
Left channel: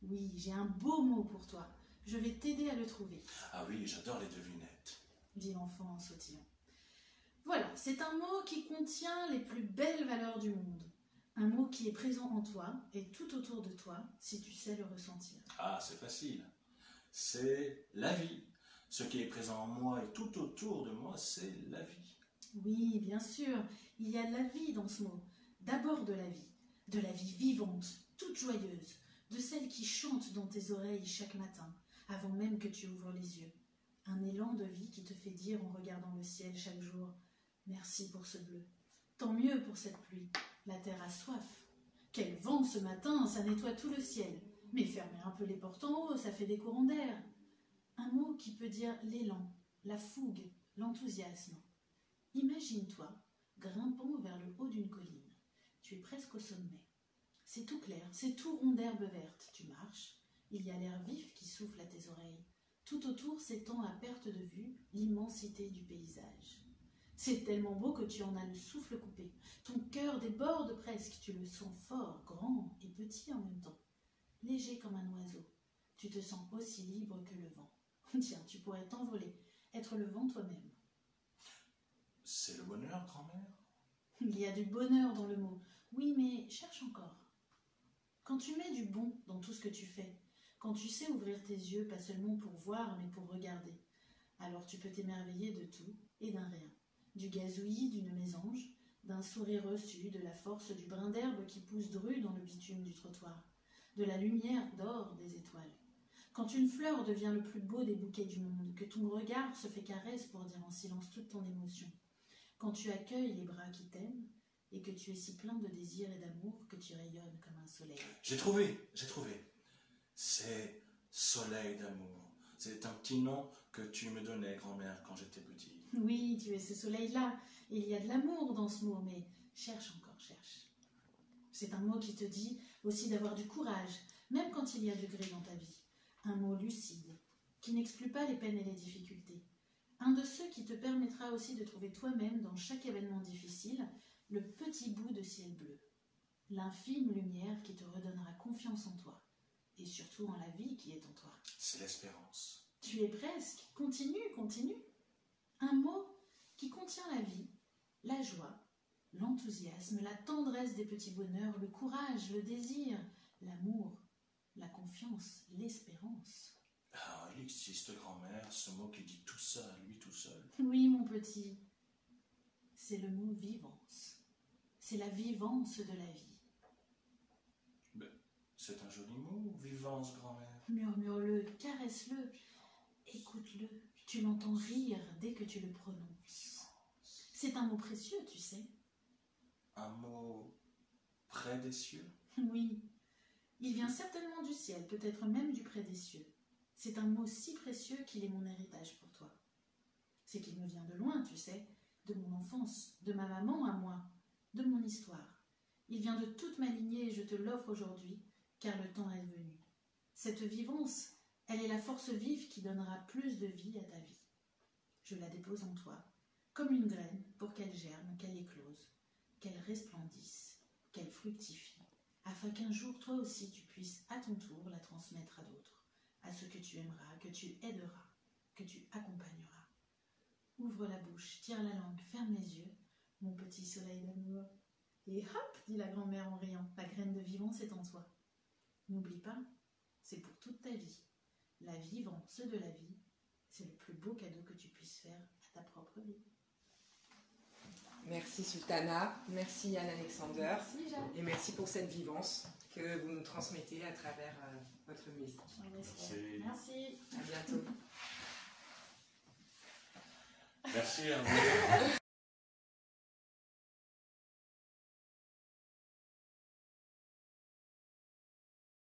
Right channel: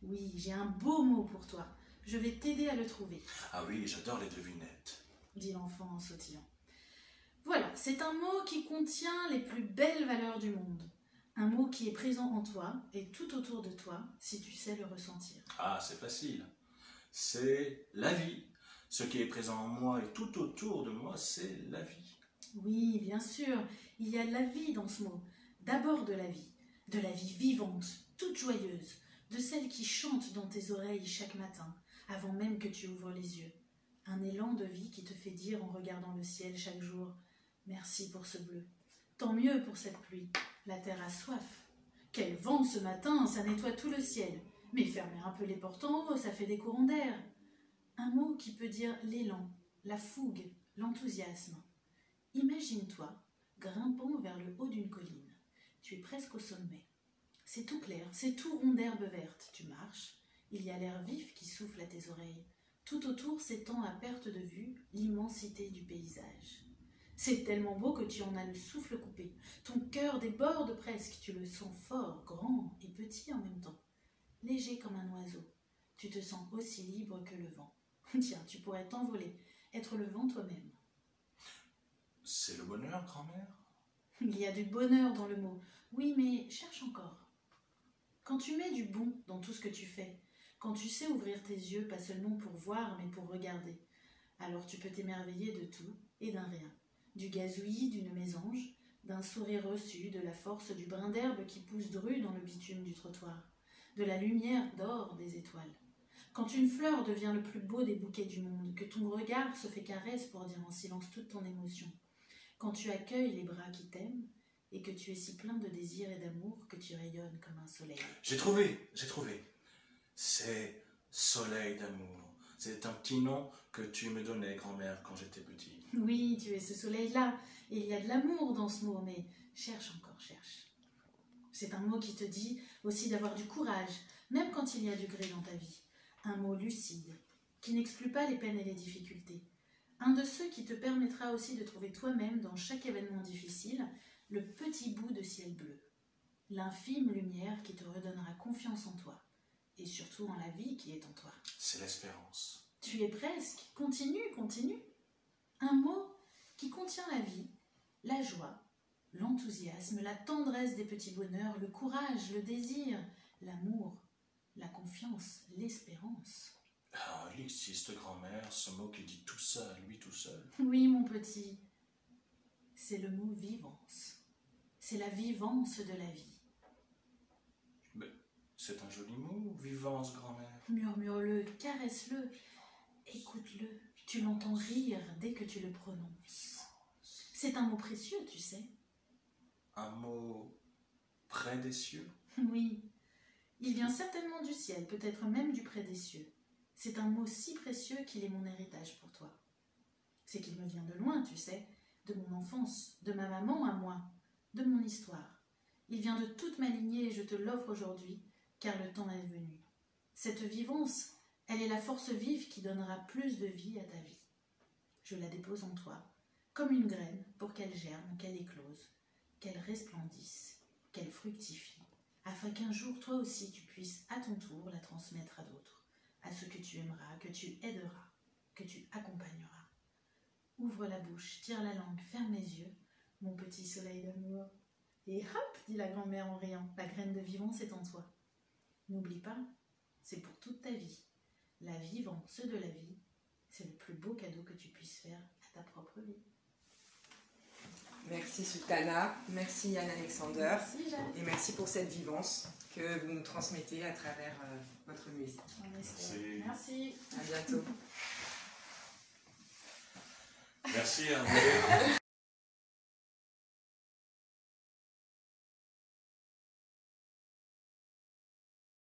Oui, j'ai un beau mot pour toi. Je vais t'aider à le trouver. Ah oui, j'adore les devinettes, dit l'enfant en sautillant. Voilà, c'est un mot qui contient les plus belles valeurs du monde. Un mot qui est présent en toi et tout autour de toi, si tu sais le ressentir. Ah, c'est facile. C'est la vie. Ce qui est présent en moi et tout autour de moi, c'est la vie. Oui, bien sûr, il y a la vie dans ce mot. D'abord de la vie vivante, toute joyeuse, de celle qui chante dans tes oreilles chaque matin, avant même que tu ouvres les yeux. Un élan de vie qui te fait dire en regardant le ciel chaque jour « Merci pour ce bleu. Tant mieux pour cette pluie. La terre a soif. Quel vent ce matin, ça nettoie tout le ciel. Mais fermez un peu les portes en haut, ça fait des courants d'air. » Un mot qui peut dire l'élan, la fougue, l'enthousiasme. Imagine-toi grimpant vers le haut d'une colline. Tu es presque au sommet. C'est tout clair, c'est tout rond d'herbe verte. Tu marches, il y a l'air vif qui souffle à tes oreilles. Tout autour s'étend à perte de vue l'immensité du paysage. C'est tellement beau que tu en as le souffle coupé. Ton cœur déborde presque, tu le sens fort, grand et petit en même temps. Léger comme un oiseau, tu te sens aussi libre que le vent. Tiens, tu pourrais t'envoler, être le vent toi-même. C'est le bonheur, grand-mère? Il y a du bonheur dans le mot. Oui, mais cherche encore. Quand tu mets du bon dans tout ce que tu fais, quand tu sais ouvrir tes yeux, pas seulement pour voir, mais pour regarder, alors tu peux t'émerveiller de tout et d'un rien. Du gazouillis d'une mésange, d'un sourire reçu, de la force du brin d'herbe qui pousse dru dans le bitume du trottoir, de la lumière d'or des étoiles. Quand une fleur devient le plus beau des bouquets du monde, que ton regard se fait caresse pour dire en silence toute ton émotion, quand tu accueilles les bras qui t'aiment et que tu es si plein de désir et d'amour que tu rayonnes comme un soleil. J'ai trouvé. C'est Soleil d'amour. C'est un petit nom que tu me donnais, grand-mère, quand j'étais petit. Oui, tu es ce soleil-là, et il y a de l'amour dans ce mot, mais cherche encore, cherche. C'est un mot qui te dit aussi d'avoir du courage, même quand il y a du gris dans ta vie. Un mot lucide, qui n'exclut pas les peines et les difficultés. Un de ceux qui te permettra aussi de trouver toi-même, dans chaque événement difficile, le petit bout de ciel bleu. L'infime lumière qui te redonnera confiance en toi, et surtout en la vie qui est en toi. C'est l'espérance. Tu es presque. Continue. Un mot qui contient la vie, la joie, l'enthousiasme, la tendresse des petits bonheurs, le courage, le désir, l'amour, la confiance, l'espérance. Ah, il existe, grand-mère, ce mot qui dit tout ça à lui tout seul. Oui, mon petit, c'est le mot vivance. C'est la vivance de la vie. Mais c'est un joli mot, vivance, grand-mère. Murmure-le, caresse-le, écoute-le. Tu l'entends rire dès que tu le prononces. C'est un mot précieux, tu sais. Un mot près des cieux? Oui, il vient certainement du ciel, peut-être même du près des cieux. C'est un mot si précieux qu'il est mon héritage pour toi. C'est qu'il me vient de loin, tu sais, de mon enfance, de ma maman à moi, de mon histoire. Il vient de toute ma lignée et je te l'offre aujourd'hui, car le temps est venu. Cette vivance, elle est la force vive qui donnera plus de vie à ta vie. Je la dépose en toi, comme une graine, pour qu'elle germe, qu'elle éclose, qu'elle resplendisse, qu'elle fructifie, afin qu'un jour, toi aussi, tu puisses à ton tour la transmettre à d'autres, à ceux que tu aimeras, que tu aideras, que tu accompagneras. Ouvre la bouche, tire la langue, ferme les yeux, mon petit soleil d'amour. Et hop, dit la grand-mère en riant, la graine de vivance est en toi. N'oublie pas, c'est pour toute ta vie. La vivance de la vie, c'est le plus beau cadeau que tu puisses faire à ta propre vie. Merci Sultana, merci Yann-Alexander, Merci Jeanne. et merci pour cette vivance que vous nous transmettez à travers votre musique. Merci. À bientôt. Merci, Hervé.